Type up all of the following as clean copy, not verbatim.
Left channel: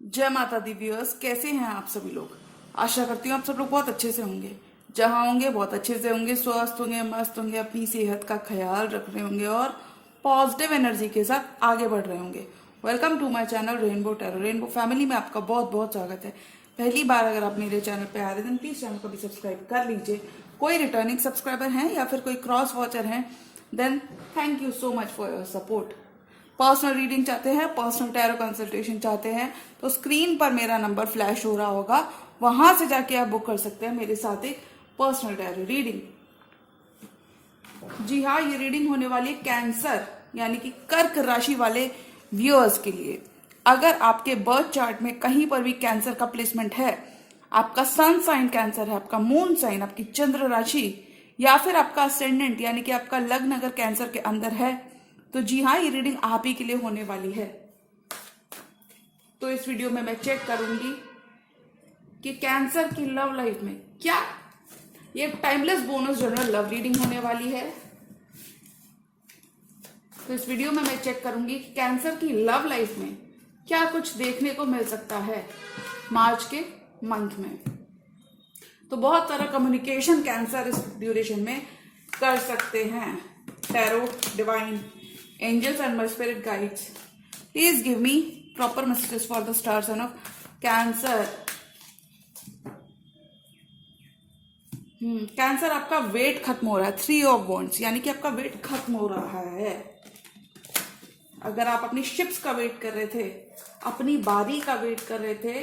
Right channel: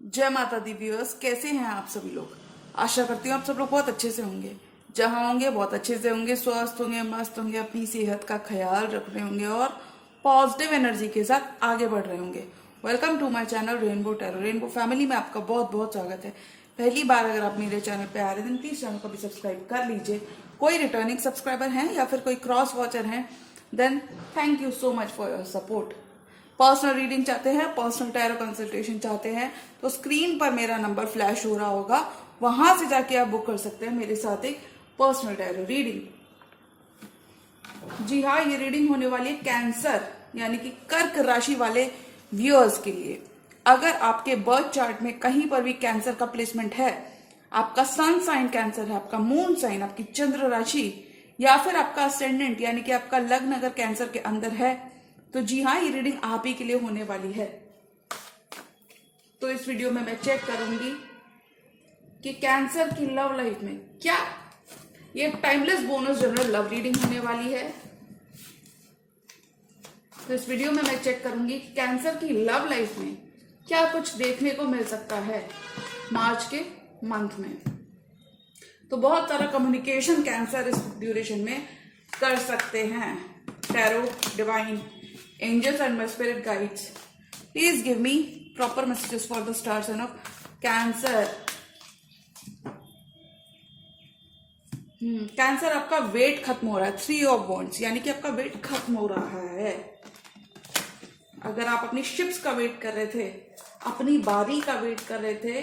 जय माता the viewers, कैसे हैं आप सभी लोग। आशा करती हूँ आप सब लोग बहुत अच्छे से होंगे। जहाँ होंगे बहुत अच्छे से होंगे, स्वस्थ होंगे, मस्त होंगे, अपनी सेहत का ख्याल रख रहे होंगे और पॉजिटिव एनर्जी के साथ आगे बढ़ रहे होंगे। Welcome to my channel rainbow tarot. Rainbow family में आपका बहुत बहुत स्वागत है। पहली बार अगर आप मेरे चैनल पे आ रहे हैं प्लीज चैनल को भी सब्सक्राइब कर लीजिए। कोई रिटर्निंग सब्सक्राइबर हैं या फिर कोई क्रॉस वॉचर हैं, then thank you so much for your support. Personal reading चाहते हैं, पर्सनल टैरो कंसल्टेशन चाहते हैं तो स्क्रीन पर मेरा नंबर फ्लैश हो रहा होगा, वहां से जाके आप बुक कर सकते हैं मेरे साथ एक पर्सनल टैरो रीडिंग। जी हाँ, ये रीडिंग होने वाली है कैंसर यानी कि कर्क राशि वाले व्यूअर्स के लिए। अगर आपके बर्थ चार्ट में कहीं पर भी कैंसर का प्लेसमेंट है, आपका सन साइन कैंसर है, आपका मून साइन, आपकी चंद्र राशि या फिर आपका असेंडेंट यानी कि आपका लग्न अगर कैंसर के अंदर है, तो जी हाँ, ये रीडिंग आप ही के लिए होने वाली है। तो इस वीडियो में मैं चेक करूंगी कि कैंसर की लव लाइफ में क्या, ये timeless bonus general love reading होने वाली है। तो इस वीडियो में मैं चेक करूंगी कि कैंसर की लव लाइफ में क्या कुछ देखने को मिल सकता है मार्च के मंथ में। तो बहुत सारा कम्युनिकेशन कैंसर इस ड्यूरेशन में कर सकते हैं। Tarot, divine angels and my spirit guides, please give me proper messages for the star sign of cancer. Cancer आपका वेट खत्म हो रहा है, 3 ऑफ वॉन्ड्स यानी कि आपका वेट खत्म हो रहा है। अगर आप अपनी शिप्स का वेट कर रहे थे, अपनी बारी का वेट कर रहे थे,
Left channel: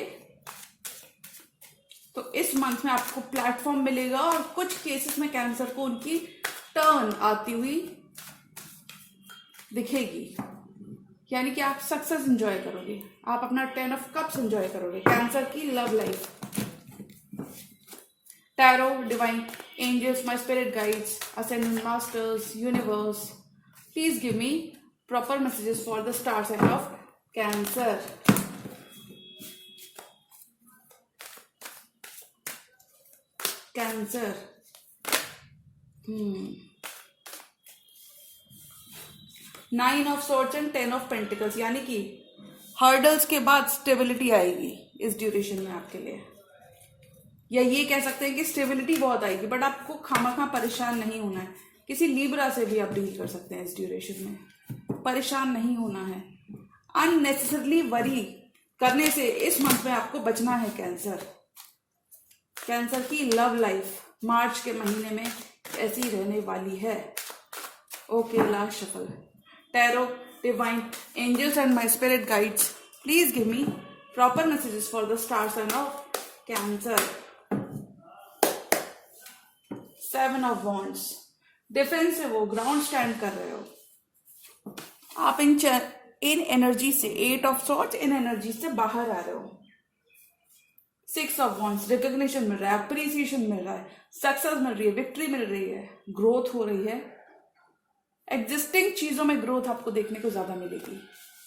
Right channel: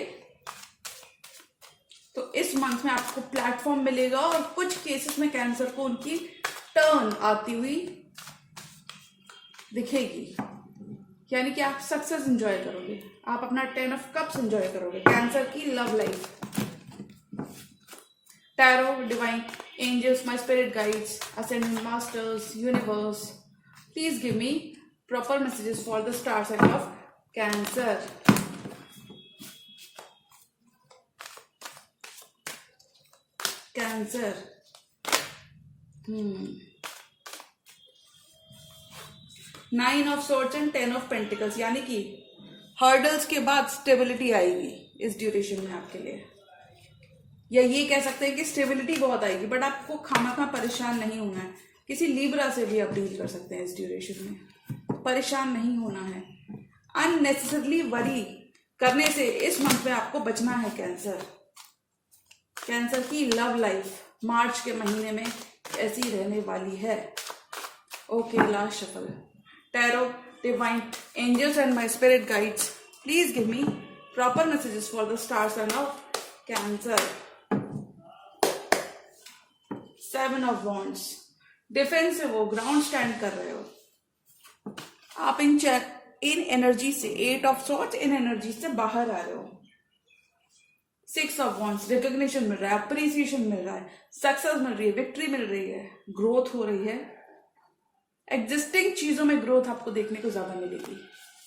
तो इस मंथ में आपको प्लेटफॉर्म मिलेगा और कुछ केसेस में कैंसर को उनकी टर्न आती हुई दिखेगी, यानी कि आप सक्सेस एंजॉय करोगे, आप अपना 10 ऑफ कप्स एंजॉय करोगे। कैंसर की love life. Tarot, divine angels, my spirit guides, ascendant masters, universe, please give me proper messages for the star sign of Cancer. Cancer, 9 of swords and 10 of pentacles यानी कि hurdles के बाद stability आएगी इस duration में आपके लिए, या ये कह सकते हैं कि स्टेबिलिटी बहुत आएगी, बट आपको खामखा परेशान नहीं होना है। किसी लिब्रा से भी आप डील कर सकते हैं इस ड्यूरेशन में, परेशान नहीं होना है। अननेसेसरली वरी करने से इस मंथ में आपको बचना है। कैंसर की लव लाइफ मार्च के महीने में ऐसी रहने वाली है। Okay, last shuffle. Tarot, divine angels and my spirit guides, please give me proper messages for the star sign of Cancer. 7 of Wands, defensive हो, ग्राउंड स्टैंड कर रहे हो आप इन एनर्जी से। 8 ऑफ सॉर्ड्स, इन एनर्जी से बाहर आ रहे हो। 6 ऑफ वॉन्ड्स, रिकॉग्निशन मिल रहा है, अप्रिसिएशन मिल रहा है, सक्सेस मिल रही है, विक्ट्री मिल रही है, ग्रोथ हो रही है। एग्जिस्टिंग चीजों में ग्रोथ आपको देखने को ज्यादा मिलेगी।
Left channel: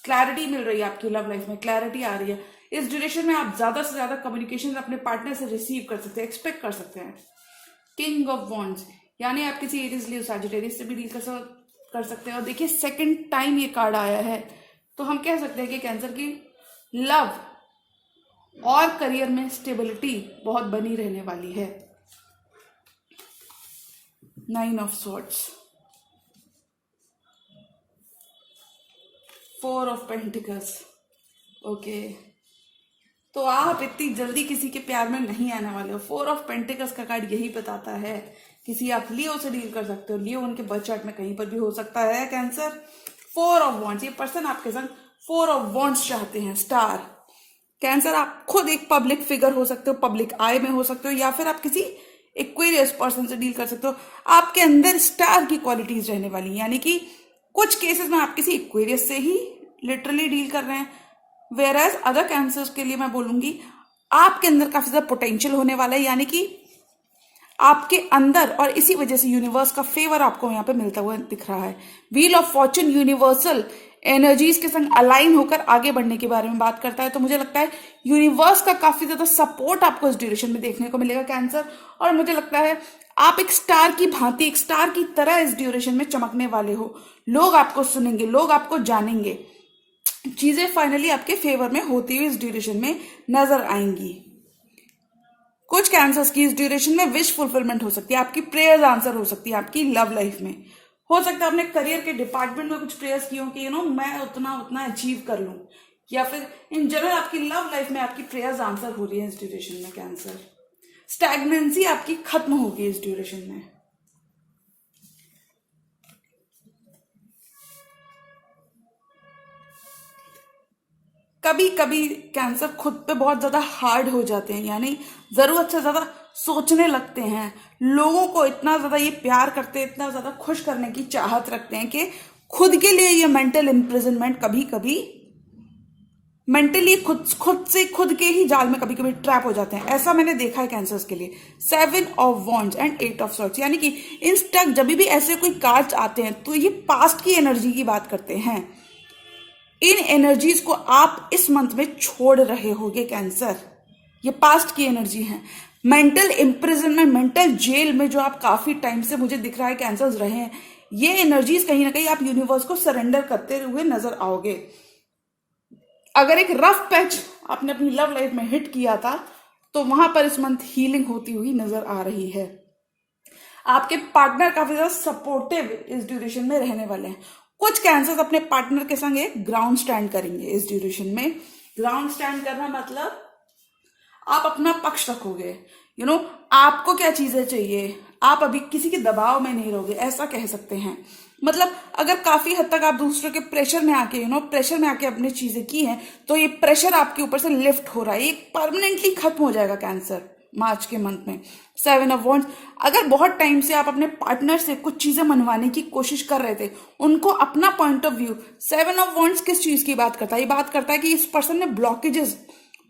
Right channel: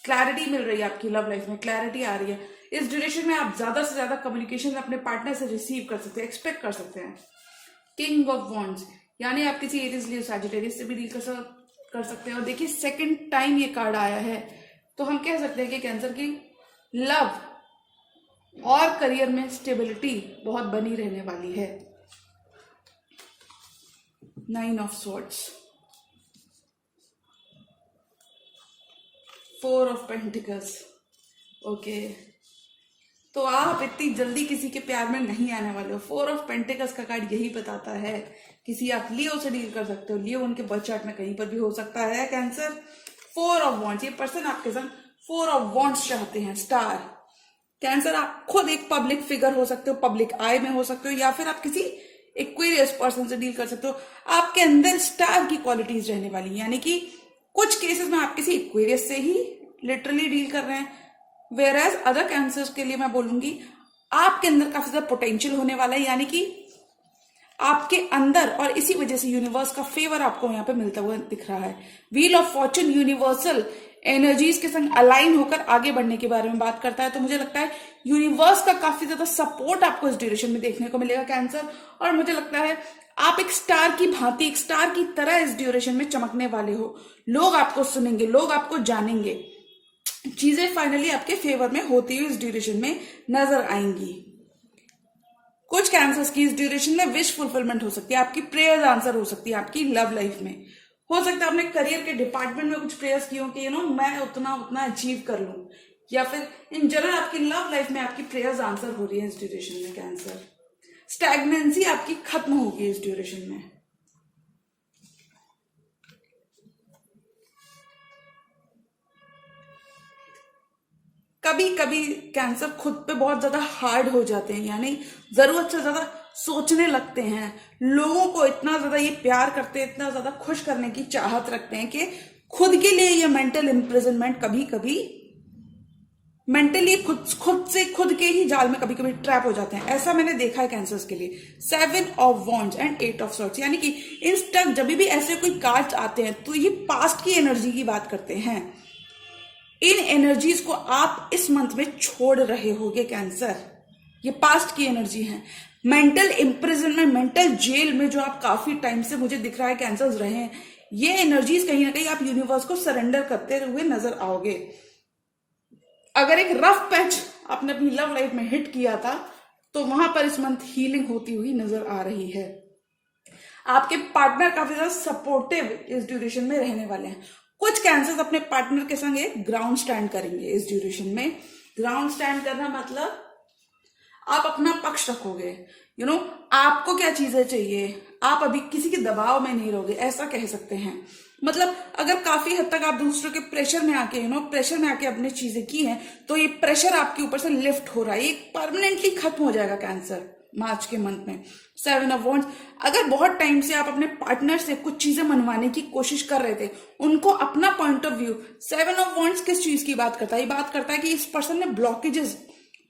क्लैरिटी मिल रही है, आपकी लव लाइफ में क्लैरिटी आ रही है। इस ड्यूरेशन में आप ज्यादा से ज्यादा कम्युनिकेशन अपने पार्टनर से रिसीव कर सकते हैं, एक्सपेक्ट कर सकते हैं। किंग ऑफ वॉन्ड्स यानी आप किसी एरिस, लियो, सैजिटेरियस से भी डील कर सकते हैं। और देखिए सेकंड टाइम ये कार्ड आया है, तो हम कह सकते हैं कि कैंसर की लव और करियर में स्टेबिलिटी बहुत बनी रहने वाली है। 9 of swords, 4 of pentacles. Okay, तो आप इतनी जल्दी किसी के प्यार में नहीं आने वाले हो। 4 ऑफ पेंटिकल्स का कार्ड यही बताता है। किसी आप लियो से डील कर सकते हो, लियो उनके बर्थ चार्ट में कहीं पर भी हो सकता है कैंसर। 4 ऑफ वॉन्ड्स, ये पर्सन आपके संग 4 ऑफ वॉन्ड्स चाहते हैं। स्टार कैंसर, आप खुद एक पब्लिक फिगर हो सकते हो, पब्लिक आई में हो सकते हो, या फिर आप किसी एक्वेरियस पर्सन से डील कर सकते हो। आपके अंदर स्टार की क्वालिटीज रहने वाली, यानी कि कुछ केसेस में आप किसी एक्वेरियस से ही लिटरली डील कर रहे हैं। वेयर एज अदर कैंसर्स के लिए मैं बोलूंगी आपके अंदर काफी ज्यादा पोटेंशियल होने वाला है, यानी कि आपके अंदर, और इसी वजह से यूनिवर्स का फेवर आपको यहाँ पे मिलता हुआ दिख रहा है। Wheel of Fortune universal energies के संग अलाइन होकर आगे बढ़ने के बारे में बात करता है। तो मुझे लगता है यूनिवर्स का काफी ज्यादा सपोर्ट आपको इस ड्यूरेशन में देखने को मिलेगा कैंसर, और मुझे लगता है आप एक स्टार की भांति, एक स्टार की तरह इस ड्यूरेशन में चमकने वाले हो। लोग आपको सुनेंगे, लोग आपको जानेंगे। चीजें फाइनली आपके फेवर में होती हुई इस ड्यूरेशन में नजर आएंगी। कुछ कैंसर्स की इस ड्यूरेशन में विश फुलफिलमेंट हो सकती है, आपकी प्रेयर्स आंसर हो सकती है आपकी लव लाइफ में। हो सकता है आपने करियर के डिपार्टमेंट में कुछ प्रेयर्स की हो कि मैं उतना उतना अचीव कर लूं, या फिर इन जनरल आपकी लव लाइफ में आपकी प्रेयर्स आंसर हो रही है इस ड्यूरेशन में कैंसर। स्टैग्नेंसी आपकी खत्म होगी इस ड्यूरेशन में। कभी कभी कैंसर खुद पे बहुत ज्यादा हार्ड हो जाते हैं, यानी जरूरत से ज्यादा सोचने लगते हैं, लोगों को इतना ज्यादा ये प्यार करते हैं, इतना ज्यादा खुश करने की चाहत रखते हैं कि खुद के लिए ये मेंटल इम्प्रिजनमेंट कभी कभी मेंटली खुद के ही जाल में कभी कभी ट्रैप हो जाते हैं। ऐसा मैंने देखा है कैंसर्स के लिए। 7 of wands and 8 of swords, यानी कि इन स्टक जब भी ऐसे कोई कार्ड्स आते हैं तो ये पास्ट की एनर्जी की बात करते हैं। इन एनर्जीज को आप इस मंथ में छोड़ रहे होगे कैंसर। ये पास्ट की एनर्जी है। मेंटल इम्प्रिजनमेंट, मेंटल जेल में जो आप काफी टाइम से मुझे दिख रहा है कैंसर्स रहे हैं, ये एनर्जीज कहीं ना कहीं आप यूनिवर्स को सरेंडर करते हुए नजर आओगे। अगर एक रफ पैच आपने अपनी लव लाइफ में हिट किया था तो वहां पर इस मंथ हीलिंग होती हुई नजर आ रही है। आपके पार्टनर काफी ज्यादा सपोर्टिव इस ड्यूरेशन में रहने वाले हैं। कुछ कैंसर्स अपने पार्टनर के संग एक ग्राउंड स्टैंड करेंगे इस ड्यूरेशन में। ग्राउंड स्टैंड करना मतलब आप अपना पक्ष रखोगे। आपको क्या चीजें चाहिए, आप अभी किसी के दबाव में नहीं रहोगे, ऐसा कह सकते हैं। मतलब अगर काफी हद तक आप दूसरों के प्रेशर में आके अपनी चीजें की हैं, तो ये प्रेशर आपके ऊपर से लिफ्ट हो रहा है, ये परमानेंटली खत्म हो जाएगा कैंसर मार्च के मंथ में। 7 ऑफ वॉन्ड्स, अगर बहुत टाइम से आप अपने पार्टनर से कुछ चीजें मनवाने की कोशिश कर रहे थे, उनको अपना point of view, 7 of wands किस चीज की बात करता है? ये बात करता है कि इस पर्सन ने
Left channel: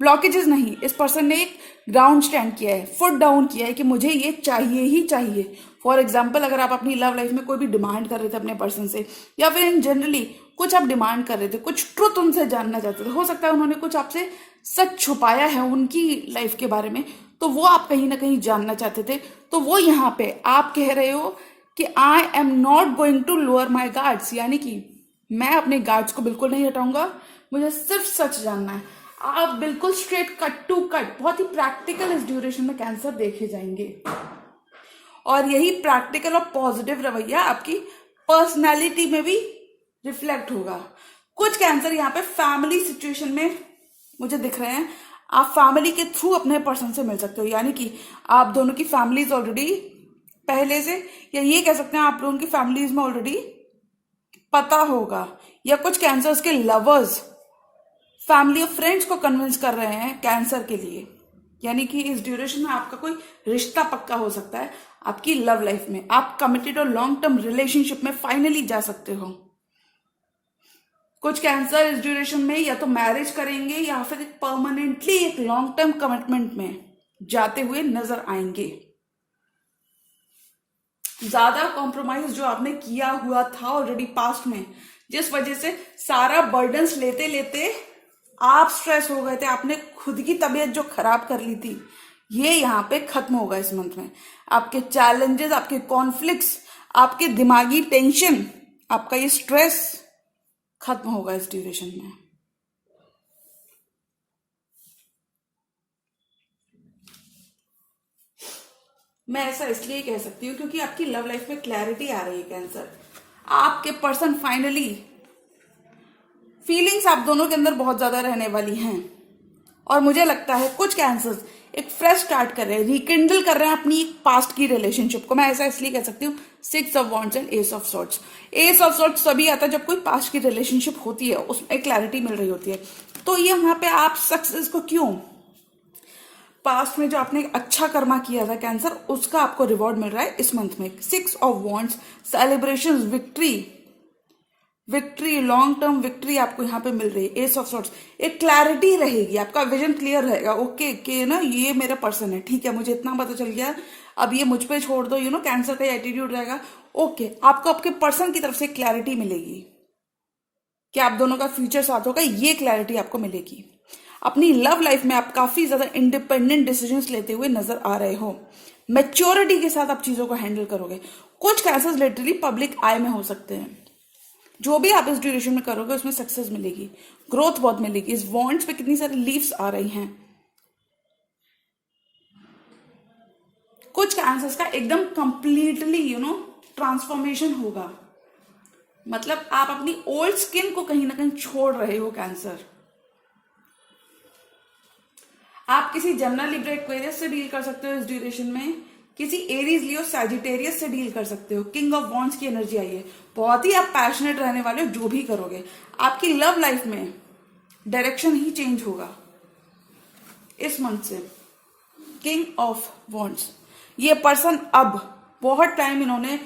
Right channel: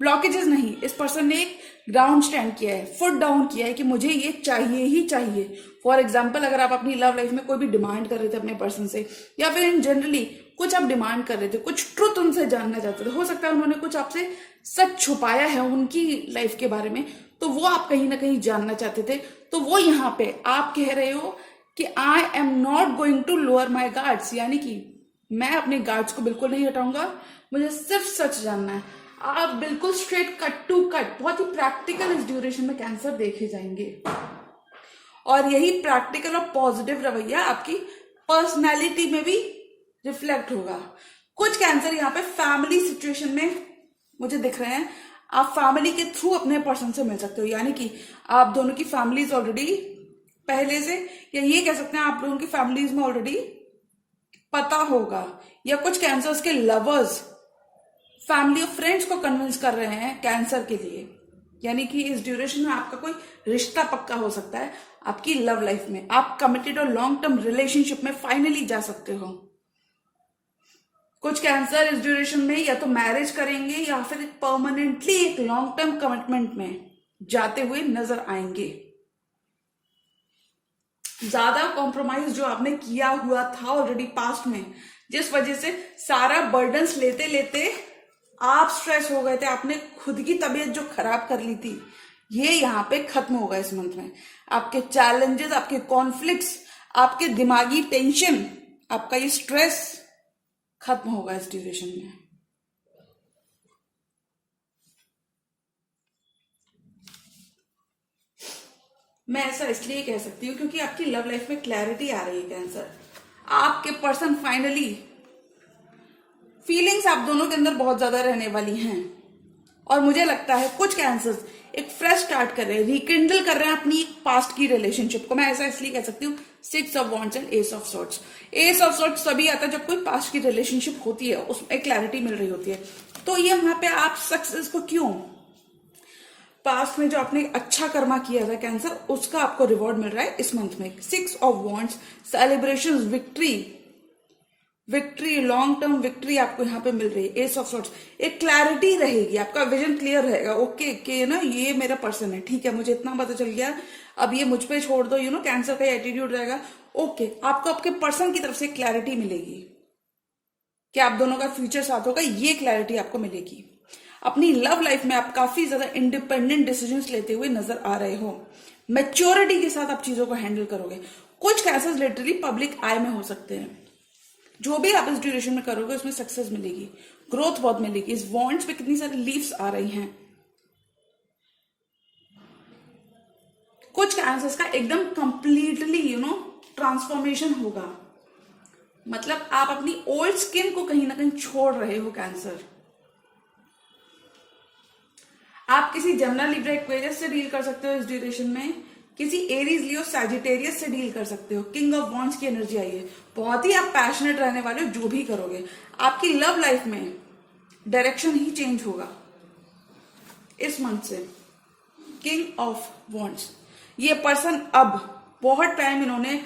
ब्लॉकेजेस नहीं, इस पर्सन ने एक ग्राउंड स्टैंड किया है, फुट डाउन किया है कि मुझे ये चाहिए ही चाहिए। फॉर एग्जाम्पल, अगर आप अपनी लव लाइफ में कोई भी डिमांड कर रहे थे अपने पर्सन से, या फिर इन जनरली कुछ आप डिमांड कर रहे थे, कुछ ट्रुथ उनसे जानना चाहते थे, हो सकता है उन्होंने कुछ आपसे सच छुपाया है उनकी लाइफ के बारे में, तो वो आप कहीं ना कहीं जानना चाहते थे। तो वो यहाँ पे आप कह रहे हो कि I am not going to lower my guards, यानी कि मैं अपने गार्ड्स को बिल्कुल नहीं हटाऊंगा, मुझे सिर्फ सच जानना है। आप बिल्कुल स्ट्रेट कट टू कट, बहुत ही प्रैक्टिकल इस ड्यूरेशन में कैंसर देखे जाएंगे। और यही प्रैक्टिकल और पॉजिटिव रवैया आपकी पर्सनैलिटी में भी रिफ्लेक्ट होगा। कुछ कैंसर यहाँ पे फैमिली सिचुएशन में मुझे दिख रहे हैं, आप फैमिली के थ्रू अपने पर्सन से मिल सकते हो, यानी कि आप दोनों की फैमिलीज ऑलरेडी पहले से, या ये कह सकते हैं आप लोगों की फैमिलीज में ऑलरेडी पता होगा। या कुछ कैंसर्स के लवर्स फैमिली और फ्रेंड्स को कन्विंस कर रहे हैं कैंसर के लिए, यानी कि इस ड्यूरेशन में आपका कोई रिश्ता पक्का हो सकता है आपकी लव लाइफ में। आप कमिटेड और लॉन्ग टर्म रिलेशनशिप में फाइनली जा सकते हो। कुछ कैंसर इस ड्यूरेशन में या तो मैरिज करेंगे या फिर परमानेंटली एक लॉन्ग टर्म कमिटमेंट में जाते हुए नजर आएंगे। ज्यादा कॉम्प्रोमाइज जो आपने किया हुआ था ऑलरेडी पास्ट में, जिस वजह से सारा बर्डन्स लेते लेते आप स्ट्रेस हो गए थे, आपने खुद की तबीयत जो खराब कर ली थी, ये यहाँ पे खत्म होगा इस मंथ में। आपके चैलेंजेस, आपके कॉन्फ्लिक्ट्स, आपके दिमागी टेंशन, आपका ये स्ट्रेस खत्म होगा इस ड्यूरेशन में। मैं ऐसा इसलिए कह सकती हूँ क्योंकि आपकी लव लाइफ में क्लैरिटी आ रही है कैंसर। आपके पर्सन फाइनली, फीलिंग्स आप दोनों के अंदर बहुत ज्यादा रहने वाली हैं, और मुझे लगता है कुछ कैंसर्स एक फ्रेश स्टार्ट कर रहे हैं, रिकिंडल कर रहे हैं अपनी पास्ट की रिलेशनशिप को। मैं ऐसा इसलिए कह सकती हूँ 6 of wands and S of swords. S of swords तभी आता है जब कोई पास्ट की रिलेशनशिप होती है, उसमें क्लैरिटी मिल रही होती है। तो ये वहां पे आप सक्सेस को, क्यों, पास्ट में जो आपने अच्छा कर्मा किया था कैंसर, उसका आपको रिवॉर्ड मिल रहा है इस मंथ में। 6 of wands, celebration, victory, long term victory आपको यहाँ पे मिल रही है। एस ऑफ सॉर्ड्स, एक क्लैरिटी रहेगी, आपका विजन क्लियर रहेगा। ओके कि ना ये मेरा पर्सन है, ठीक है, मुझे इतना पता चल गया, अब ये मुझ पे छोड़ दो, कैंसर का एटीट्यूड रहेगा। ओके, आपको आपके पर्सन की तरफ से क्लैरिटी मिलेगी कि आप दोनों का फ्यूचर साथ होगा, ये क्लैरिटी आपको मिलेगी। अपनी लव लाइफ में आप काफी ज्यादा इंडिपेंडेंट डिसीजंस लेते हुए नजर आ रहे हो, मैच्योरिटी के साथ आप चीजों को हैंडल करोगे। कुछ कैंसर्स लिटरली पब्लिक आई में हो सकते हैं, जो भी आप इस ड्यूरेशन में करोगे उसमें सक्सेस मिलेगी। ग्रोथ बहुत मिलेगी। इस वॉन्ड्स पे कितनी सारी लीव्स आ रही हैं। कुछ कैंसर्स का एकदम कंप्लीटली ट्रांसफॉर्मेशन होगा। मतलब आप अपनी ओल्ड स्किन को कहीं ना कहीं छोड़ रहे हो कैंसर। आप किसी जेमिनी लिब्रा एक्वेरियस से डील कर सकते हो इस ड्यूरेशन में, किसी एरीज लियो सैजिटेरियस से डील कर सकते हो। किंग ऑफ वॉन्ड्स की एनर्जी आई है, बहुत ही आप पैशनेट रहने वाले हो जो भी करोगे। आपकी लव लाइफ में डायरेक्शन ही चेंज होगा इस मंथ से। किंग ऑफ वॉन्ड्स, ये पर्सन अब बहुत टाइम इन्होंने,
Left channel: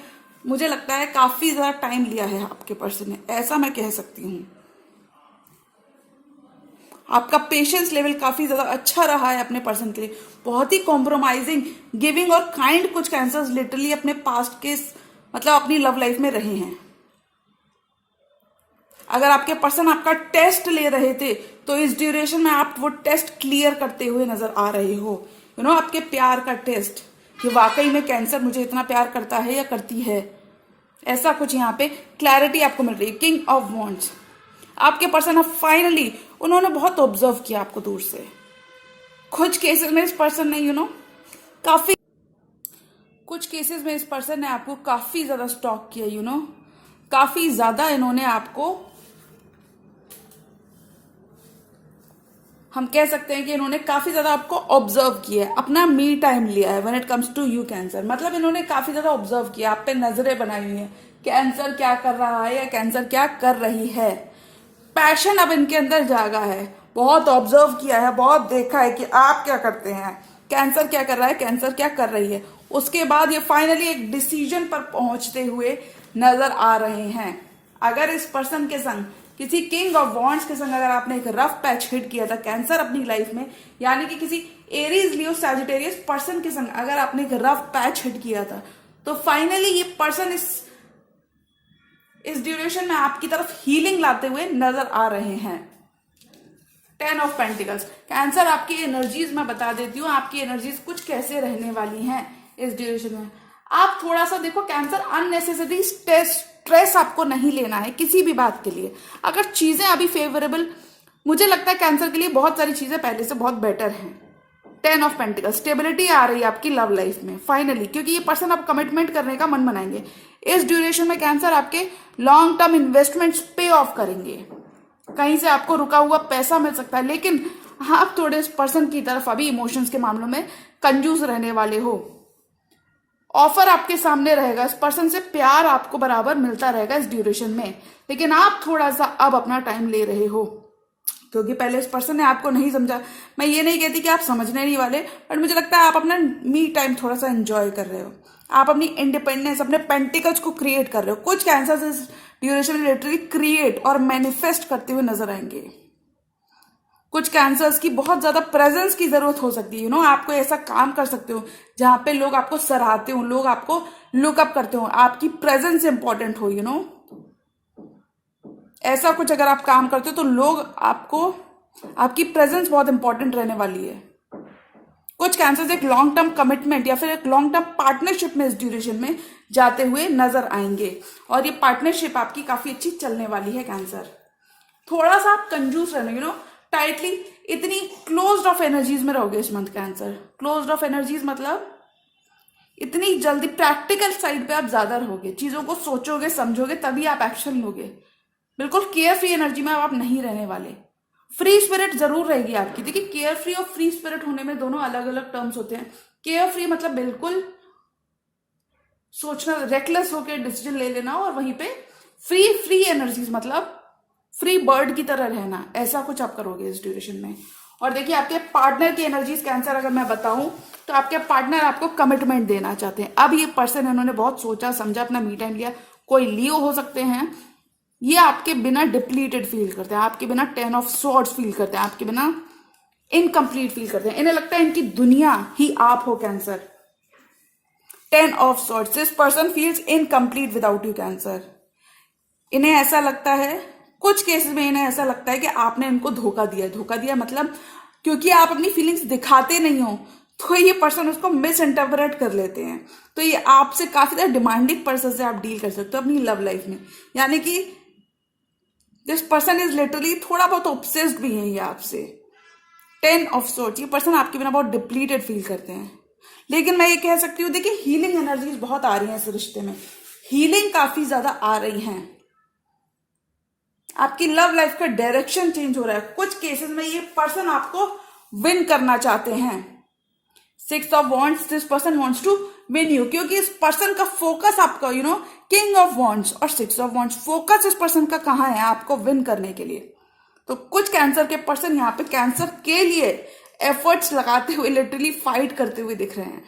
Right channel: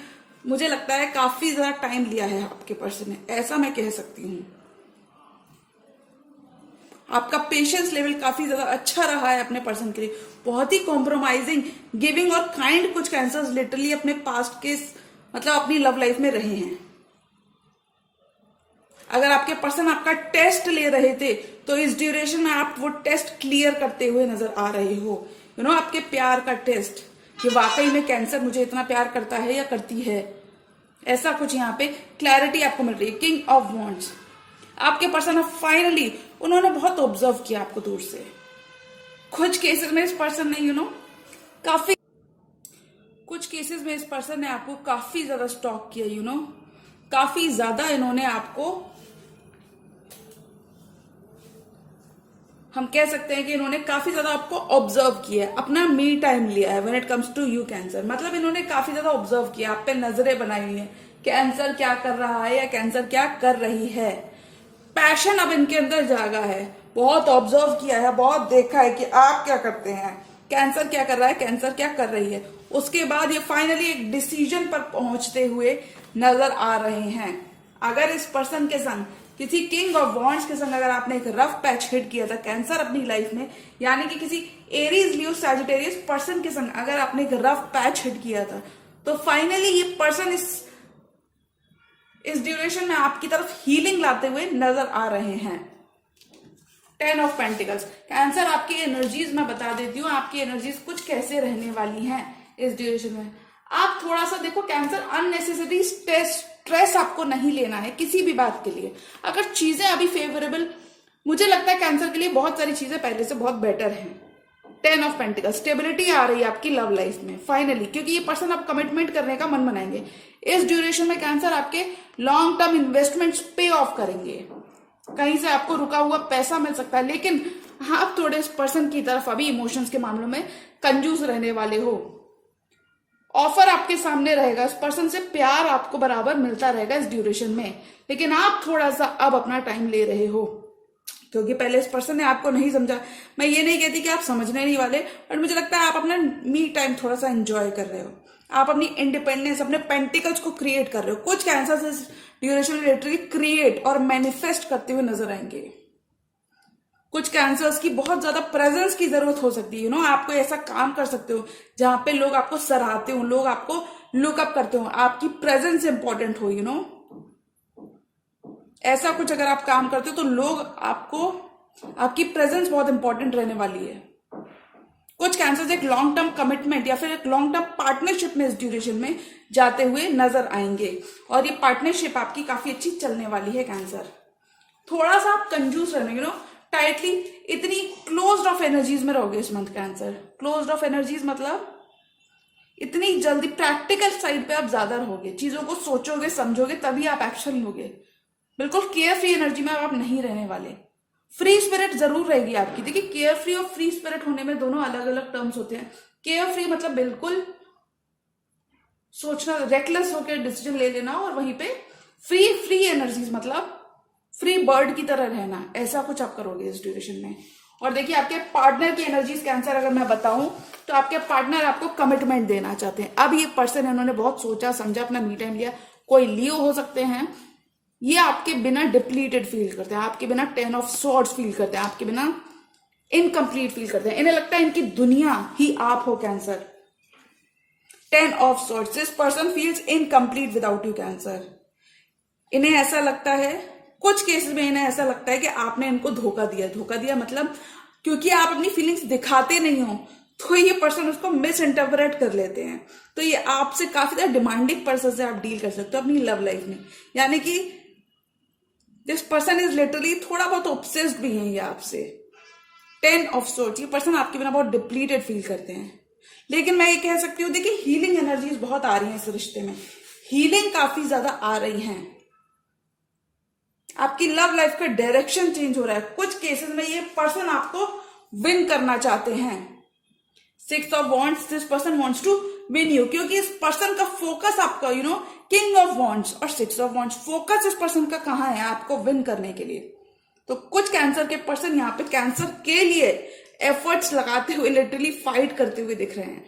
मुझे लगता है काफी ज्यादा टाइम लिया है आपके पर्सन ने, ऐसा मैं कह सकती हूं। आपका पेशेंस लेवल काफी ज्यादा अच्छा रहा है अपने पर्सन के लिए। बहुत ही कॉम्प्रोमाइजिंग, गिविंग और काइंड कुछ कैंसर्स लिटरली अपने पास्ट के मतलब अपनी लव लाइफ में रहे हैं। अगर आपके पर्सन आपका टेस्ट ले रहे थे तो इस ड्यूरेशन में आप वो टेस्ट क्लियर करते हुए नजर आ रहे हो। आपके प्यार का टेस्ट, कि वाकई में कैंसर मुझे इतना प्यार करता है या करती है, ऐसा कुछ यहाँ पे क्लैरिटी आपको मिल रही है। किंग ऑफ वॉन्ड्स, आपके पर्सन ऑफ फाइनली उन्होंने बहुत ऑब्जर्व किया आपको दूर से। कुछ केसेस में इस पर्सन ने काफी, कुछ केसेस में इस पर्सन ने आपको काफी ज्यादा स्टॉक किया। काफी ज्यादा इन्होंने आपको, हम कह सकते हैं कि इन्होंने काफी ज्यादा आपको ऑब्जर्व किया है, अपना मी टाइम लिया है when it comes to you Cancer. मतलब इन्होंने काफी ज्यादा ऑब्जर्व किया, आप पे नजरें बनाई हुई है, कैंसर क्या कर रहा है या कैंसर क्या कर रही है। पैशन अब इनके अंदर जागा है, बहुत ऑब्जर्व किया है, बहुत देखा है कि आप क्या करते हैं, कैंसर क्या कर रहा है, कैंसर क्या कर रही है। उसके बाद ये फाइनली एक डिसीजन पर पहुंचते हुए नजर आ रहे हैं। अगर इस पर्सन के संग, किसी किंग ऑफ वॉन्ड्स के संग अगर आपने एक रफ पैच हिट किया था कैंसर अपनी लाइफ में, यानी कि किसी एरीज लियो सैजिटेरियस पर्सन के संग अगर आपने एक रफ पैच हिट किया था, तो फाइनली ये पर्सन इस ड्यूरेशन में आपकी तरफ हीलिंग लाते हुए नजर आ रहे हैं। 10 ऑफ पेंटिकल्स, कैंसर आपकी एनर्जीज मैं बता देती हूँ, आपकी एनर्जीज कुछ कैसे रहने वाली हैं इस ड्यूरेशन में। आप थोड़ा सा देखो, कैंसर अननेसेसरी स्ट्रेस आपको नहीं लेना है किसी भी बात के लिए। अगर चीजें अभी फेवरेबल, मुझे लगता है कैंसर के लिए बहुत सारी चीजें पहले से बहुत बेटर हैं। 10 ऑफ पेंटिकल्स, स्टेबिलिटी आ रही है आपकी लव लाइफ में फाइनली, क्योंकि ये पर्सन अब कमिटमेंट करने का मन बनाएंगे। इस ड्यूरेशन में कैंसर आपके लॉन्ग टर्म इन्वेस्टमेंट्स पे ऑफ करेंगे। कहीं से आपको रुका हुआ पैसा मिल सकता है, लेकिन आप थोड़े इस पर्सन की तरफ अभी इमोशंस के मामलों में कंजूस रहने वाले हो। ऑफर आपके सामने रहेगा, इस पर्सन से प्यार आपको बराबर मिलता रहेगा इस ड्यूरेशन में, लेकिन आप थोड़ा सा अब अपना टाइम ले रहे हो, क्योंकि पहले इस पर्सन ने आपको नहीं समझा। मैं ये नहीं कहती कि आप समझने नहीं वाले, बट मुझे लगता है आप अपना मी टाइम थोड़ा सा एंजॉय कर रहे हो। आप अपनी इंडिपेंडेंस, अपने पेंटिकल्स को क्रिएट कर रहे हो। कुछ कैंसर इस ड्यूरेशन में लिटरली क्रिएट और मैनिफेस्ट करते हुए नजर आएंगे। कुछ कैंसर्स की बहुत ज्यादा प्रेजेंस की जरूरत हो सकती है। आपको ऐसा काम कर सकते हो जहां पे लोग आपको सराहते हो, लोग आपको लुकअप करते हो, आपकी प्रेजेंस इंपॉर्टेंट हो। ऐसा कुछ अगर आप काम करते हो तो लोग आपको, आपकी प्रेजेंस बहुत इंपॉर्टेंट रहने वाली है। कुछ कैंसर्स एक लॉन्ग टर्म कमिटमेंट या फिर एक लॉन्ग टर्म पार्टनरशिप में इस ड्यूरेशन में जाते हुए नजर आएंगे, और ये पार्टनरशिप आपकी काफी अच्छी चलने वाली है। कैंसर थोड़ा सा आप कंजूस रहने, टाइटली, इतनी क्लोज्ड ऑफ एनर्जीज में रहोगे इस month. Cancer closed of energies मतलब इतनी जल्दी प्रैक्टिकल साइड पे आप ज्यादा रहोगे, चीजों को सोचोगे समझोगे तभी आप एक्शन लोगे। बिल्कुल केयर फ्री एनर्जी में आप नहीं रहने वाले। फ्री स्पिरिट जरूर रहेगी आपकी। देखिए, केयर फ्री और फ्री स्पिरिट होने में दोनों अलग अलग टर्म्स होते हैं। केयर फ्री मतलब बिल्कुल सोचना, रेकलेस होकर डिसीजन ले लेना, और वहीं पे फ्री एनर्जीज मतलब फ्री बर्ड की तरह रहना, ऐसा कुछ आप करोगे इस ड्यूरेशन में। और देखिए, आपके पार्टनर की एनर्जीज कैंसर अगर मैं बताऊं तो आपके पार्टनर आपको कमिटमेंट देना चाहते हैं। अब ये पर्सन इन्होंने बहुत सोचा समझा, अपना मी टाइम लिया। कोई लियो हो सकते हैं, ये आपके बिना डिप्लीटेड फील करते हैं, आपके बिना 10 ऑफ स्वॉर्ड्स फील करते हैं, आपके बिना इनकम्प्लीट फील करते हैं। इन्हें लगता है इनकी दुनिया ही आप हो cancer. 10 of swords, this person feels incomplete without you cancer. इन्हें ऐसा लगता है, कुछ केसेस में इन्हें ऐसा लगता है कि आपने इनको धोखा दिया। धोखा दिया मतलब क्योंकि आप अपनी फीलिंग्स दिखाते नहीं हो, तो ये पर्सन उसको मिस इंटरप्रेट कर लेते हैं। तो ये आपसे काफी ज्यादा डिमांडिंग पर्सन से आप डील कर सकते हो अपनी लव लाइफ में। यानी कि दिस पर्सन इज लिटरली थोड़ा बहुत ऑब्सेस्ड भी है ये आपसे। 10 ऑफ सोर्ट्स, ये पर्सन आपके बिना बहुत डिप्लीटेड फील करते हैं। लेकिन मैं ये कह सकती हूँ, देखिए हीलिंग एनर्जीज बहुत आ रही हैं इस रिश्ते में, हीलिंग काफी ज्यादा आ रही है। आपकी लव लाइफ का डायरेक्शन चेंज हो रहा है। कुछ केसेस में ये पर्सन आपको विन करना चाहते हैं। 6 of wands, this person wants to win you, क्योंकि इस पर्सन का फोकस आपका किंग ऑफ वॉन्ड्स और 6 ऑफ वॉन्ड्स, फोकस इस पर्सन का कहां है, आपको विन करने के लिए। तो कुछ कैंसर के पर्सन यहाँ पे कैंसर के लिए एफर्ट्स लगाते हुए, लिटरली फाइट करते हुए दिख रहे हैं।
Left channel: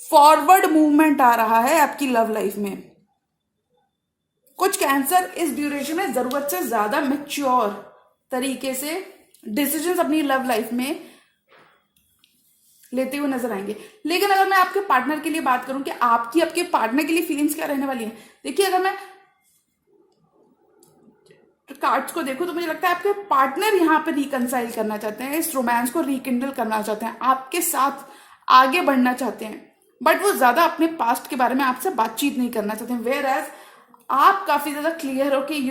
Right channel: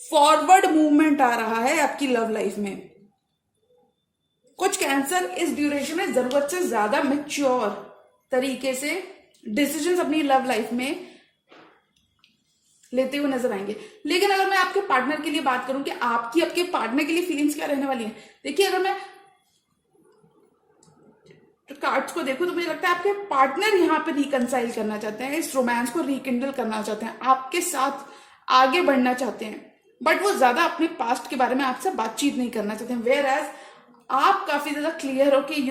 फॉरवर्ड मूवमेंट आ रहा है आपकी लव लाइफ में। कुछ कैंसर इस ड्यूरेशन में जरूरत से ज्यादा मैच्योर तरीके से डिसीजंस अपनी लव लाइफ में लेते हुए नजर आएंगे। लेकिन अगर मैं आपके पार्टनर के लिए बात करूं कि आपके पार्टनर के लिए फीलिंग्स क्या रहने वाली है, देखिए अगर मैं कार्ड्स को देखूं तो मुझे लगता है आपके पार्टनर यहाँ पे रिकंसाइल करना चाहते हैं, इस रोमांस को रिकिंडल करना चाहते हैं, आपके साथ आगे बढ़ना चाहते हैं, बट वो ज्यादा अपने पास्ट के बारे में आपसे बातचीत नहीं करना चाहते हैं। वेयर एज आप काफी ज्यादा क्लियर हो कि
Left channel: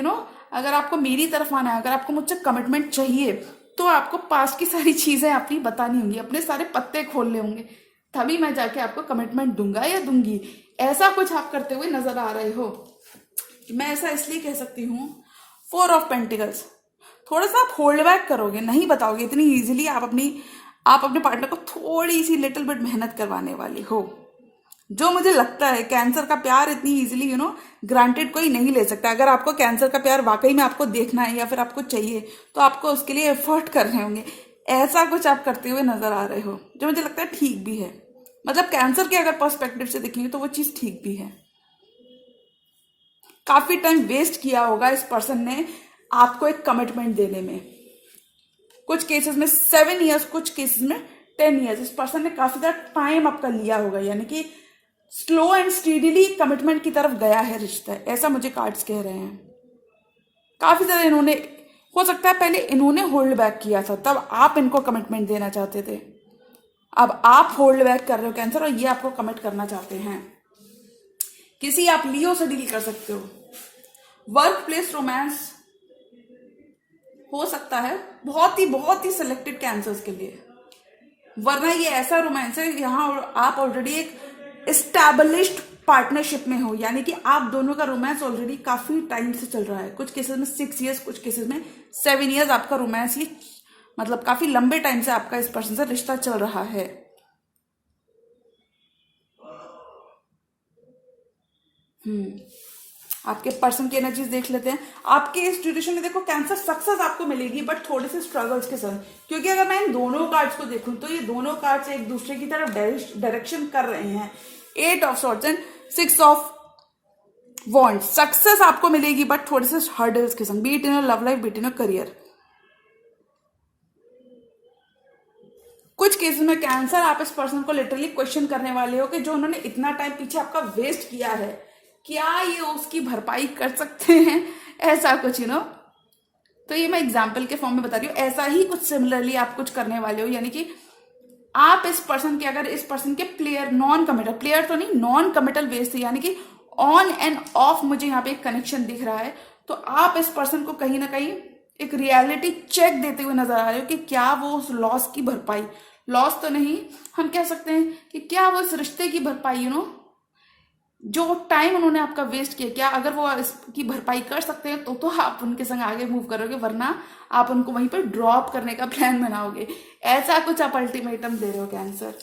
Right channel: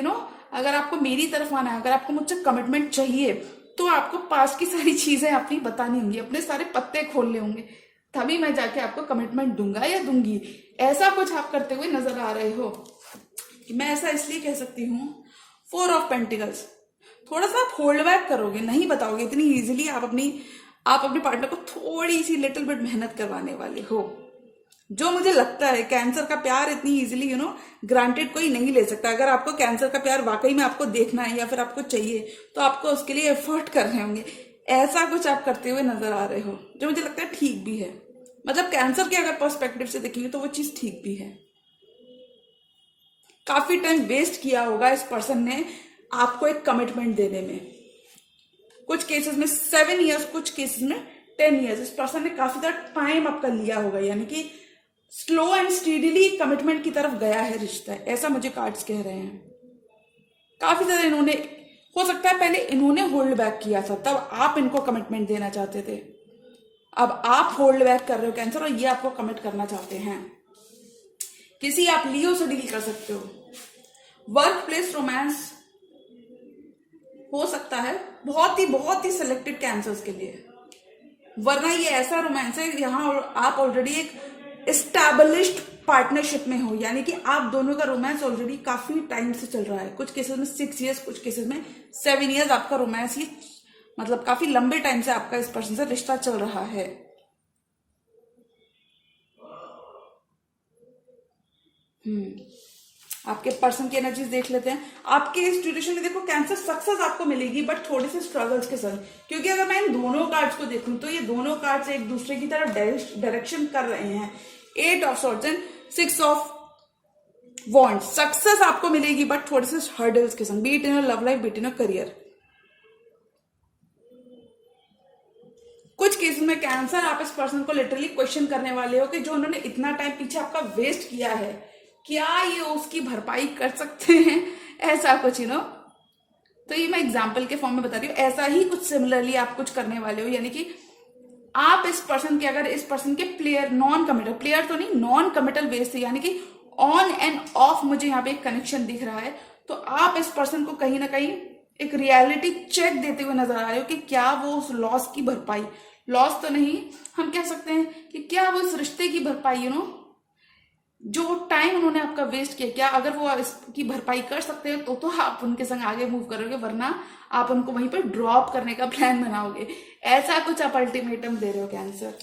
अगर आपको मेरी तरफ आना है, अगर आपको मुझसे कमिटमेंट चाहिए, तो आपको पास्ट की सारी चीजें अपनी बतानी होंगी, अपने सारे पत्ते खोलने होंगे, तभी मैं जाके आपको कमिटमेंट दूंगा या दूंगी। ऐसा कुछ आप करते हुए नजर आ रहे हो। मैं ऐसा इसलिए कह सकती हूँ, 4 ऑफ पेंटिकल्स, थोड़ा सा आप होल्ड बैक करोगे, नहीं बताओगे इतनी इजीली। आप अपने पार्टनर को थोड़ी सी लिटिल बिट मेहनत करवाने वाले हो। जो मुझे लगता है कैंसर का प्यार इतनी इजीली ग्रांटेड कोई नहीं ले सकता। अगर आपको कैंसर का प्यार वाकई में आपको देखना है या फिर आपको चाहिए, तो आपको उसके लिए एफर्ट करने होंगे। ऐसा कुछ आप करते हुए नजर आ रहे हो, जो मुझे लगता है ठीक भी है। मतलब कैंसर के अगर पर्सपेक्टिव से देखेंगे तो वो चीज ठीक भी है। काफी टाइम वेस्ट किया होगा इस पर्सन ने आपको एक कमिटमेंट देने में। कुछ केसेस में 7 इयर्स, कुछ केसेस में 10 इयर्स। इस पर्सन ने काफी ज्यादा टाइम आपका लिया होगा, यानी कि स्लो एंड स्टीडीली कमिटमेंट की तरफ गया है रिश्ता, ऐसा मुझे कार्ड्स कह रहे हैं। काफी ज्यादा इन्होंने, हो सकता है पहले इन्होंने होल्ड बैक किया था, तब आप इनको कमिटमेंट देना चाहते थे। अब आप होल्ड बैक कर रहे हो कैंसर, और ये आपको कमिट करना चाहते हैं। किसी आप लियो से डील कर सकते हो। वर्क प्लेस रोमांस हो सकता है बहुत ही सिलेक्टेड कैंसर्स के लिए, वरना ये ऐसा रोमांस है यहाँ आप ऑलरेडी एक एस्टैब्लिश्ड पार्टनरशिप में हो, यानी कि आप दोनों का रोमांस ऑलरेडी काफी टाइम से चल रहा है। कुछ केसेस में 6 इयर्स, कुछ केसेस में 7 इयर्स आपका रोमांस, ही मतलब काफी लंबे टाइम से आपका इस पर्सन से रिश्ता चल रहा है। आपके पर्सन की एनर्जीज देख लेते हैं। आपके इस ड्यूरेशन में देखो कैंसर सक्सेस आपको मिलेगी, बट थोड़े से स्ट्रगल्स के साथ, क्योंकि अगर मैं इन दोनों कार्ड्स को देखूं तो ये दोनों कार्ड्स एक दूसरे की तरफ डायरेक्शन कर रहे हैं। 8 of swords and 6 of wands. Success आपको मिलेगी बट थोड़े से हर्डल्स के संग, beat in love life, beat in career. कुछ केसेस में कैंसर आप इस पर्सन को लिटरली क्वेश्चन करने वाले हो कि जो उन्होंने इतना टाइम पीछे आपका वेस्ट किया है, क्या ये उसकी भरपाई कर सकते हैं, ऐसा कुछ तो ये मैं एग्जाम्पल के फॉर्म में बता रही हूँ। ऐसा ही कुछ सिमिलरली आप कुछ करने वाले हो, यानी कि आप इस पर्सन के, अगर इस पर्सन के नॉन कमिटल बेस से, यानी कि ऑन एंड ऑफ मुझे यहाँ पे एक कनेक्शन दिख रहा है, तो आप इस पर्सन को कहीं ना कहीं एक रियलिटी चेक देते हुए नजर आ रहे हो कि क्या वो उस लॉस की भरपाई, लॉस तो नहीं, हम कह सकते हैं कि क्या वो इस रिश्ते की भरपाई, जो टाइम उन्होंने आपका वेस्ट किया, क्या अगर वो इसकी भरपाई कर सकते हैं तो आप उनके संग आगे मूव करोगे, वरना आप उनको वहीं पर ड्रॉप करने का प्लान बनाओगे। ऐसा कुछ आप अल्टीमेटम दे रहे हो Cancer.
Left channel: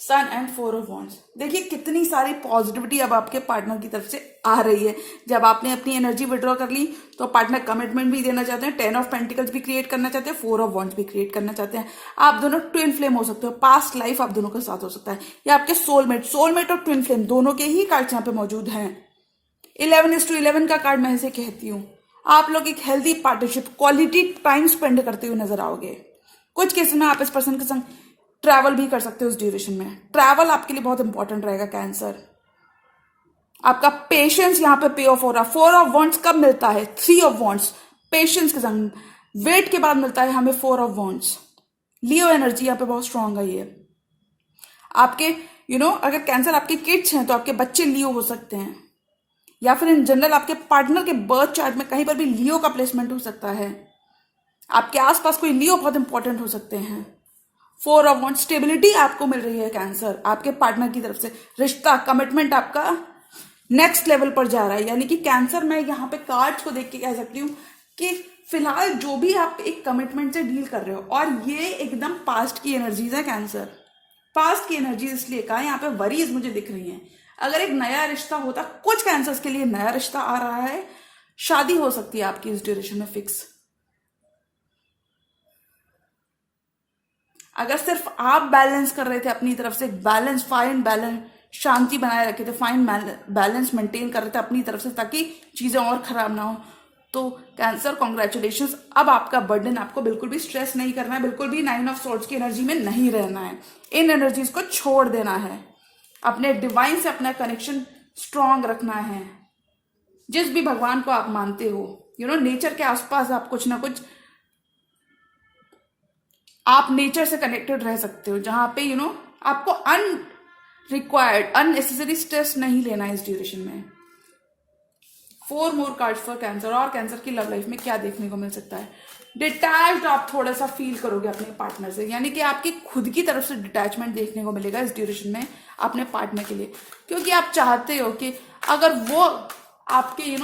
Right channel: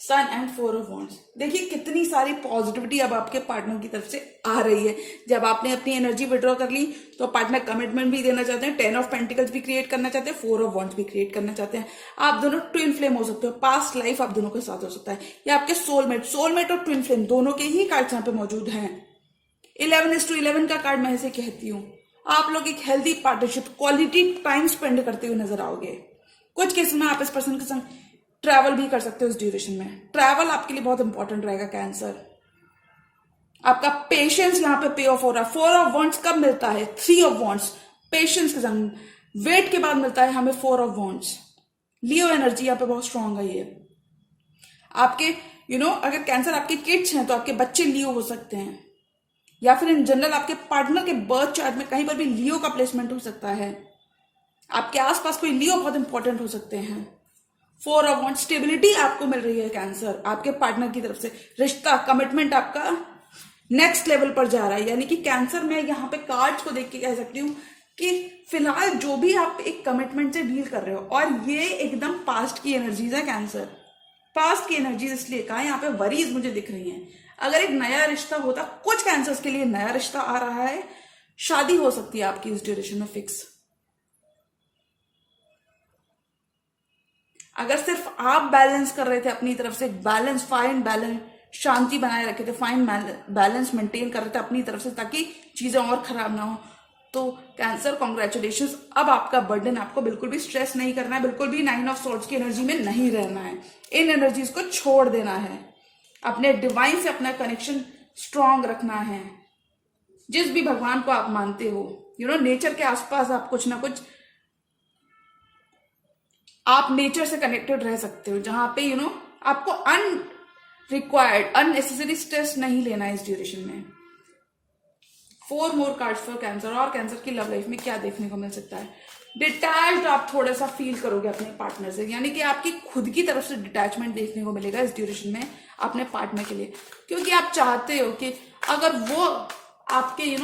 Sun and 4 of wands, देखिए कितनी सारी पॉजिटिविटी अब आपके पार्टनर की तरफ से आ रही है। जब आपने अपनी एनर्जी विड्रॉ कर ली तो पार्टनर कमिटमेंट भी देना चाहते हैं, 10 ऑफ पेंटिकल्स भी क्रिएट करना चाहते हैं, 4 ऑफ वॉन्ड्स भी क्रिएट करना चाहते हैं। आप दोनों ट्विन फ्लेम हो सकते हो, पास्ट लाइफ आप दोनों के साथ हो सकता है, या आपके सोलमेट और ट्विन फ्लेम दोनों के ही कार्ड यहाँ पे मौजूद हैं। 11:11 का कार्ड मैं इसे कहती हूँ। आप लोग एक healthy partnership, quality time spend करते हुए नजर आओगे। कुछ केस में आप इस पर्सन के संग ट्रैवल भी कर सकते हो। इस ड्यूरेशन में ट्रैवल आपके लिए बहुत इंपॉर्टेंट रहेगा कैंसर। आपका पेशेंस यहाँ पे पे ऑफ हो रहा है। 4 ऑफ वॉन्ड्स कब मिलता है? 3 ऑफ वॉन्ड्स, पेशेंस के संग वेट के बाद मिलता है हमें 4 ऑफ वॉन्ड्स। लियो एनर्जी यहाँ पे बहुत स्ट्रांग है। ये आपके अगर कैंसर आपके किड्स हैं तो आपके बच्चे लियो हो सकते हैं। या फिर इन जनरल आपके पार्टनर के बर्थ चार्ट में कहीं पर भी लियो का प्लेसमेंट हो सकता है। आपके आसपास कोई लियो बहुत इंपॉर्टेंट हो सकते हैं। 4 ऑफ वांड्स, स्टेबिलिटी आपको मिल रही है कैंसर आपके पार्टनर की तरफ से। रिश्ता, कमिटमेंट आपका नेक्स्ट लेवल पर जा रहा है। यानी कि कैंसर, मैं यहाँ पे कार्ड्स को देख के कह सकती हूँ कि फिलहाल जो भी आप एक कमिटमेंट से डील कर रहे हो, और ये एकदम पास्ट की एनर्जीज है कैंसर, पास्ट की एनर्जीज इसलिए कहा, यहाँ पे वरीज मुझे दिख रही हैं। अगर एक नया रिश्ता होता, कुछ कैंसर्स के लिए नया रिश्ता आ रहा है, शादी हो सकती है आपकी इस ड्यूरेशन में फिक्स। अगर सिर्फ आप बैलेंस कर रहे थे अपनी तरफ से, बैलेंस, फाइन बैलेंस, शांति बनाए रखे थे, फाइन बैलेंस मेंटेन कर रहे थे अपनी तरफ से ताकि चीजें और खराब ना हो, तो कैंसर कॉन्ग्रेचुलेशंस। अब आपका बर्डन, आपको बिल्कुल भी स्ट्रेस नहीं करना है, बिल्कुल भी 9 ऑफ सोर्ड्स की एनर्जी में नहीं रहना है। इन एनर्जीज को छोड़ देना है, अपने डिवाइन से अपना कनेक्शन स्ट्रांग रखना है। जिस भी भगवान को आप मानते हो, नेचर के आसपास आप कुछ ना कुछ, आप नेचर से कनेक्टेड रह सकते हो, जहां पे आपको अनरिक्वायर्ड, अननेसेसरी स्ट्रेस नहीं लेना है इस ड्यूरेशन में। 4 मोर कार्ड्स फॉर कैंसर। और कैंसर की लव लाइफ में क्या देखने को मिल सकता है? डिटैच्ड आप थोड़ा सा फील करोगे अपने पार्टनर से, यानी कि आपकी खुद की तरफ से डिटैचमेंट देखने को मिलेगा इस ड्यूरेशन में अपने पार्टनर के लिए, क्योंकि आप चाहते हो कि अगर वो आपके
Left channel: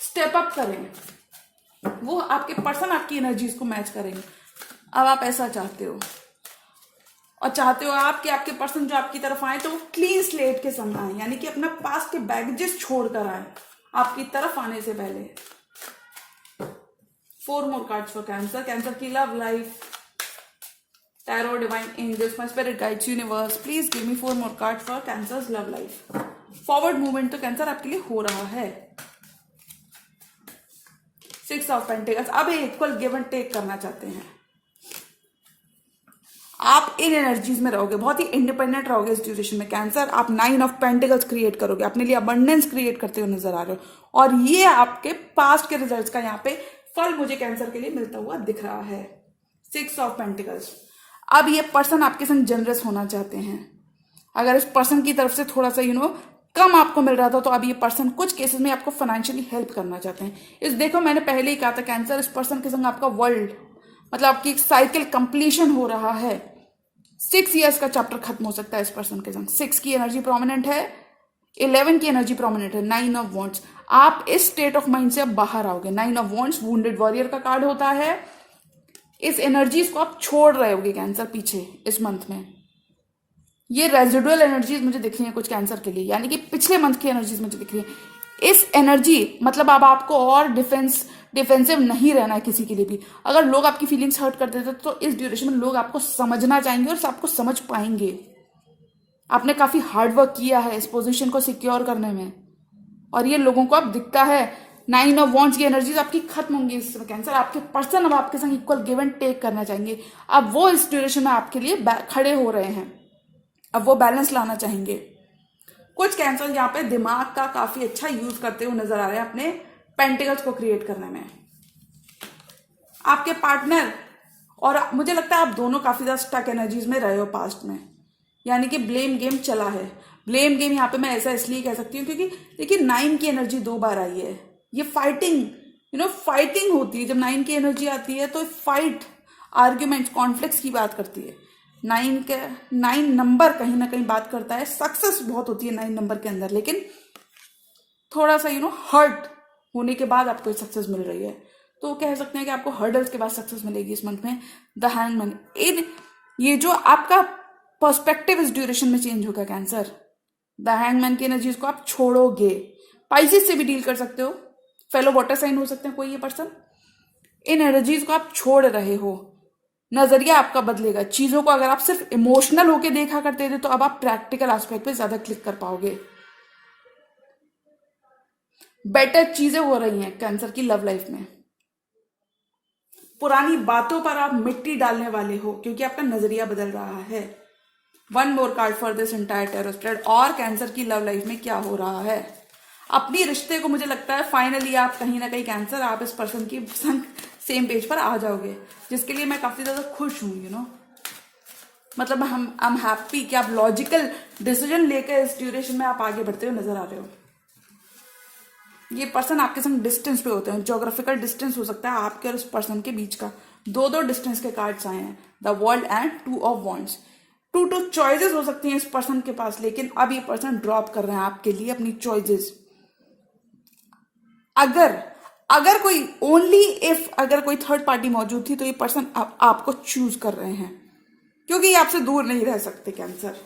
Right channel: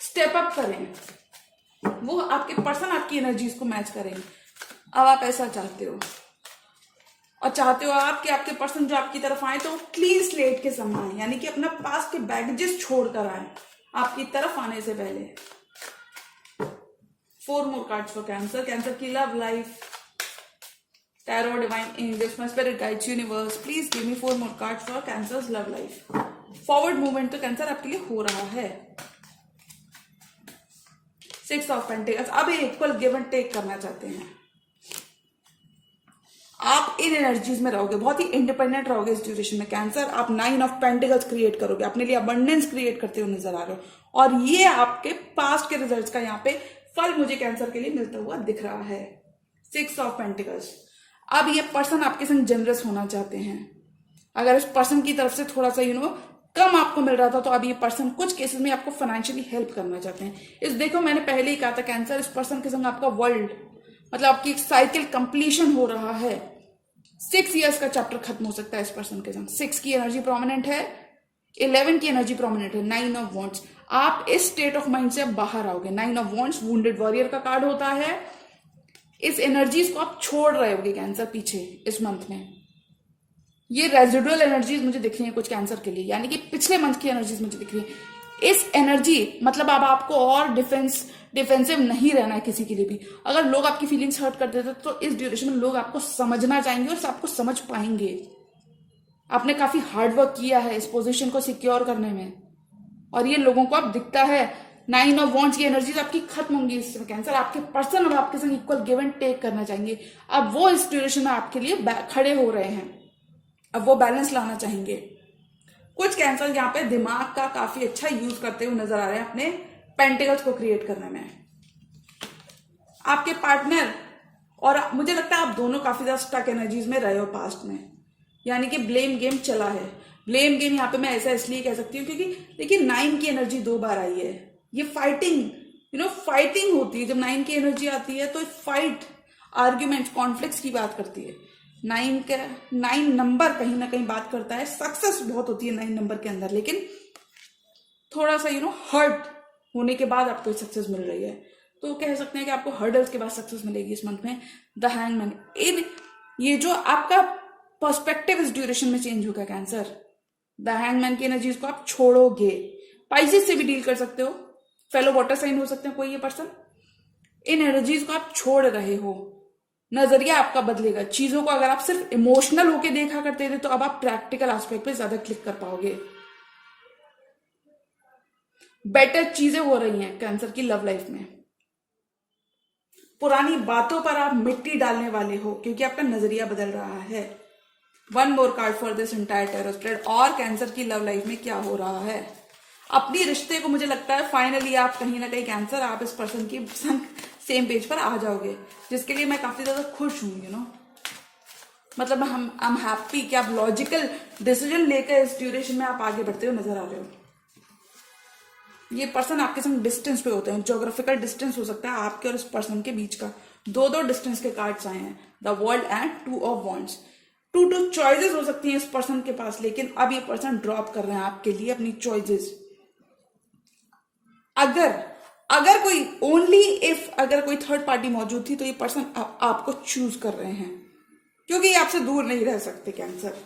स्टेप अप करें, वो आपके पर्सन आपकी एनर्जीज को मैच करेंगे। अब आप ऐसा चाहते हो, और चाहते हो आप कि आपके पर्सन जो आपकी तरफ आए तो क्लीन स्लेट के सामने आए, यानी कि अपना पास्ट के बैगेजेस छोड़कर आए आपकी तरफ आने से पहले। 4 more cards for cancer. Cancer की love life, tarot, divine angels, my spirit guides, universe, please give me 4 more cards for cancer's love life. Forward movement तो कैंसर आपके लिए हो रहा है। 6 ऑफ पेंटिकल्स। अब इक्वल गिव एंड टेक करना चाहते हैं आप, इन एनर्जीज में रहोगे, बहुत ही इंडिपेंडेंट रहोगे इस ड्यूरेशन में कैंसर। आप 9 ऑफ पेंटिकल्स क्रिएट करोगे, अपने लिए अबंडेंस क्रिएट करते हुए नजर आ रहे हो, और ये आपके पास्ट के रिजल्ट्स का यहाँ पे फल मुझे कैंसर के लिए मिलता हुआ दिख रहा है। 6 ऑफ पेंटिकल्स। अब ये पर्सन आपके संग जनरस होना चाहते हैं। अगर इस पर्सन की तरफ से थोड़ा सा कम आपको मिल रहा था, तो अब ये पर्सन कुछ केसेस में आपको फाइनेंशियली हेल्प करना चाहते हैं। इस देखो, मैंने पहले ही कहा था कैंसर, इस पर्सन के संग आपका वर्ल्ड, मतलब आपकी एक साइकिल कंप्लीशन हो रहा है। 6 इयर्स का चैप्टर खत्म हो सकता है इस पर्सन के संग। 6 की एनर्जी प्रोमिनेंट है, 11 की एनर्जी प्रोमिनेंट है, 9 ऑफ वॉन्ड्स। आप इस स्टेट ऑफ माइंड से बाहर आओगे। 9 ऑफ वॉन्ड्स वुंडेड वॉरियर का कार्ड होता है। इस एनर्जीज को आप छोड़ रहे होगे कैंसर पीछे इस मंथ में। ये रेजिडुअल एनर्जीज मुझे दिख रही है कुछ कैंसर के लिए, यानी कि पिछले मंथ की एनर्जीज मुझे दिख रही है। इस एनर्जी मतलब अब आपको और डिफेंसिव नहीं रहना है किसी के लिए भी। अगर लोग आपकी फीलिंग्स हर्ट कर देते तो इस ड्यूरेशन में लोग आपको समझना चाहेंगे और आपको समझ पाएंगे। आपने काफी हार्ड वर्क किया है इस पोजीशन को सिक्योर करने में, और ये लोगों को अब दिखता है। 9 ऑफ वॉन्ड्स की एनर्जीज आपकी खत्म होंगी इस कैंसर। आपके पर्सन अब आपके संग इक्वल गिव एंड टेक करना चाहेंगे। अब वो इस ड्यूरेशन में आपके लिए खड़े हो रहे हैं, अब वो बैलेंस लाना चाहेंगे। कुछ कैंसर यहाँ पे दिमाग का काफी अच्छा यूज करते हुए नजर आ रहे हैं अपने पेंटिकल्स को क्रिएट करने में। आपके पार्टनर और मुझे लगता है आप दोनों काफी ज्यादा स्टक एनर्जीज में रहे हो पास्ट में, यानी कि ब्लेम गेम चला है। ब्लेम गेम यहाँ पे मैं ऐसा इसलिए कह सकती हूँ क्योंकि देखिए 9 की एनर्जी 2 बार आई है। ये फाइटिंग फाइटिंग होती है। जब 9 की एनर्जी आती है तो फाइट, आर्ग्यूमेंट, कॉन्फ्लिक्ट्स की बात करती है। 9 नंबर कहीं ना कहीं बात करता है। सक्सेस बहुत होती है 9 नंबर के अंदर, लेकिन थोड़ा सा हर्ट होने के बाद आपको सक्सेस मिल रही है। तो कह सकते हैं कि आपको हर्डल्स के बाद सक्सेस मिलेगी इस मंथ में। द हैंगमैन, ये जो आपका पर्सपेक्टिव इस ड्यूरेशन में चेंज होगा कैंसर। द हैंगमैन की एनर्जीज को आप छोड़ोगे। पाइसेस से भी डील कर सकते हो, फेलो वाटर साइन हो सकते हैं कोई ये पर्सन। इन एनर्जीज को आप छोड़ रहे हो, नजरिया आपका बदलेगा। चीजों को अगर आप सिर्फ इमोशनल होके देखा करते थे तो अब आप प्रैक्टिकल एस्पेक्ट पे ज्यादा क्लिक कर पाओगे। बेटर चीजें हो रही हैं कैंसर की लव लाइफ में। पुरानी बातों पर आप मिट्टी डालने वाले हो क्योंकि आपका नजरिया बदल रहा है। 1 more card for this entire tarot spread. और कैंसर की लव लाइफ में क्या हो रहा है? अपनी रिश्ते को मुझे लगता है फाइनली आप कहीं ना कहीं कैंसर, आप इस पर्सन की सेम पेज पर आ जाओगे, जिसके लिए मैं काफी ज्यादा खुश हूं। मतलब आई एम हैप्पी कि आप लॉजिकल डिसीजन लेकर इस ड्यूरेशन में आप आगे बढ़ते हुए नजर आ रहे हो। ये पर्सन आपके संग डिस्टेंस पे होते हैं, ज्योग्राफिकल डिस्टेंस हो सकता है आपके और उस पर्सन के बीच का। दो डिस्टेंस के कार्ड्स आए हैं, the world and 2 of wands. 2 choices हो सकती हैं इस पर्सन के पास, लेकिन अब ये पर्सन ड्रॉप कर रहे हैं आपके लिए अपनी चॉइसेस। अगर कोई ओनली इफ अगर कोई थर्ड पार्टी मौजूद थी तो ये पर्सन आपको चूज कर रहे हैं, क्योंकि ये आपसे दूर नहीं रह सकते कैंसर।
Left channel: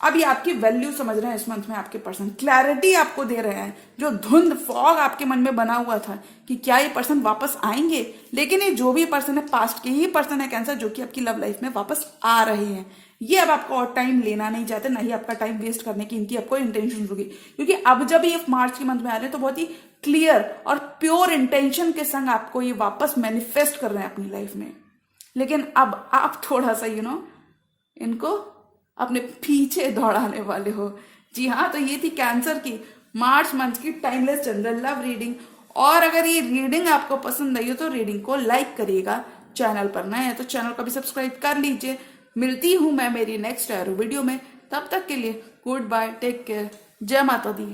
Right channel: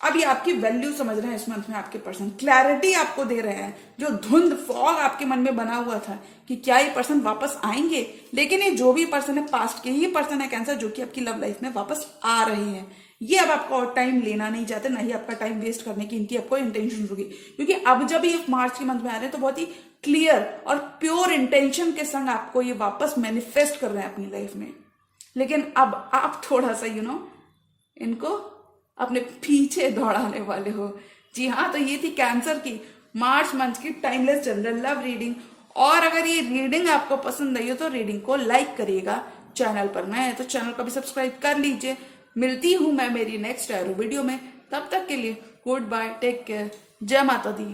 अब ये आपकी वैल्यू समझ रहे हैं इस मंथ में आपके पर्सन, क्लैरिटी आपको दे रहे हैं। जो धुंध फॉग आपके मन में बना हुआ था कि क्या ये पर्सन वापस आएंगे, लेकिन ये जो भी पर्सन है पास्ट के ही पर्सन है कैंसर, जो कि आपकी लव लाइफ में वापस आ रहे हैं। ये अब आपको और टाइम लेना नहीं चाहते, ना ही आपका टाइम वेस्ट करने की इनकी आपको इंटेंशन होगी, क्योंकि अब जब ये मार्च के मंथ में आ रहे हैं तो बहुत ही क्लियर और प्योर इंटेंशन के संग आपको ये वापस मैनिफेस्ट कर रहे हैं अपनी लाइफ में। लेकिन अब आप थोड़ा सा इनको अपने पीछे दौड़ाने वाले हो। जी हाँ, तो ये थी कैंसर की मार्च मंथ की टाइमलेस जनरल लव रीडिंग। और अगर ये रीडिंग आपको पसंद आई हो तो रीडिंग को लाइक करिएगा, चैनल पर नए हैं तो चैनल को भी सब्सक्राइब कर लीजिए। मिलती हूं मैं मेरी नेक्स्ट वीडियो में, तब तक के लिए गुड बाय, टेक केयर, जय माता दी।